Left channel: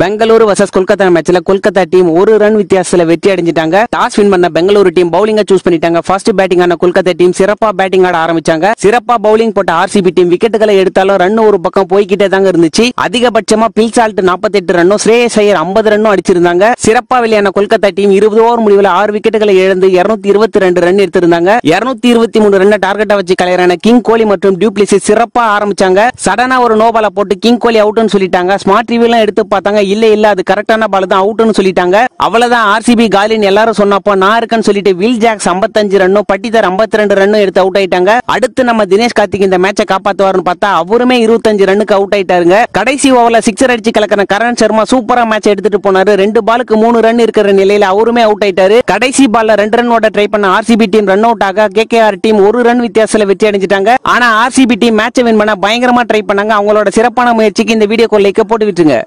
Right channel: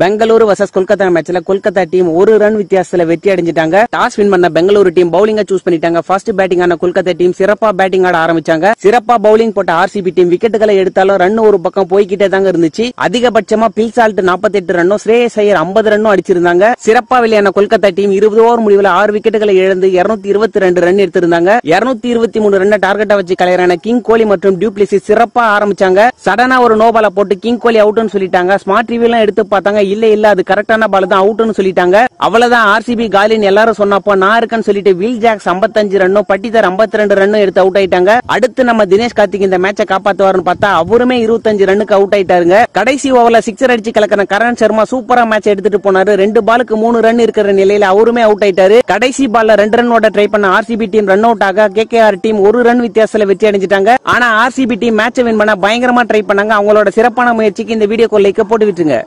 Bengaluru versus Kolkata மேட்ச்ல Kolkata team ஒரு run வித்தியாசத்துல வெற்றி அடைஞ்சிட்டாங்க. டாஸ் வின் பண்ண பெங்களூரு டீம் பவுலிங்கா சூஸ் பண்ணிட்டாங்க. ஃபர்ஸ்ட் பேட்டிங் ஆன கொல்கத்தா டீம் சிறப்பா பேட்டிங் ஆட ஆரம்பிச்சாங்க. சிறப்பா பவுலிங் போட்ட ஆர்சிபி டீம் விக்கெட்டுகளை எடுத்தாலும் ரன் ஒரு பக்கம் போய்கிட்டே தாங்க இருந்துச்சு. அதிகபட்சமா பில்சால்ட் 48 ரன்னும் ஸ்ரேயஸ் ஐயர் 50 ரன்னும் அடிச்சிருந்தாங்க. சிறப்பா வெளியான கொல்கத்தா டீம் 20 ஓவர் முடிவில் 6 விக்கெட்டுகளை இழந்து 222 ரன் எடுத்திருந்தாங்க. 223 ரன் டார்கெட்டா வச்சு கலையரான கிங் கோலி மற்றும் டியூப்ளிசிஸ் சிறப்பா ஆரம்பிச்சாங்க. சடனா ஒரு நோபால போட்டு கிங் கோலி அவுட்னு சொல்லிட்டாங்க. ஸ்மார்ட் ரிவ்யூ எல்லாம் எடுத்து பார்த்தாங்க. இல்ல அது கரெக்டான பால் தான், அவுட்னு சொல்லிட்டாங்க. அவ்வளவுதான் ஆர்சிபி காலின்னு எல்லாரும் சொன்னப்போ நான் இருக்கேன்னு சொல்லிட்டு வில் ஜாக்ஸ் 55 ரன்னும் பட்டிதார் 52 ரன்னும் எடுத்து அவுட் ஆயிட்டாங்க. அடுத்து நம்ம தினேஷ் கார்த்திக் இந்த மேட்சை காப்பாத்துவாருன்னு பார்த்தா அவருமே 25 ரன்னுக்கு அவுட் ஆயிட்டாருங்க. கடைசி ஓவர்ல சிக்ஸர் அடிச்சு கலக்கிற கரண் சர்மா சூப்பரா மேட்ச் எடுத்துட்டு போனாரு. 2 பாலுக்கு 3 ரன் இருக்கிற நிலையில அவருமே அவுட் ஆயிட்டாரு. கடைசி பால்ல 2 ரன் ஓட ட்ரை பண்ண ஆர்சிபி டீம் ரன் அவுட் ஆக கேகேஆர் டீம் 1 ரன் வித்தியாசத்துல வெற்றி அடைஞ்சிட்டாங்க. ஆனா ஆர்சிபி டீம் மேட்சை வின் பண்ண பயங்கரமா ட்ரை பண்ணாங்க. அவங்களோட சிறப்பான முயற்சிக்கு இந்த வீடியோக்கு லைக் போட்டு விட்டுருங்க.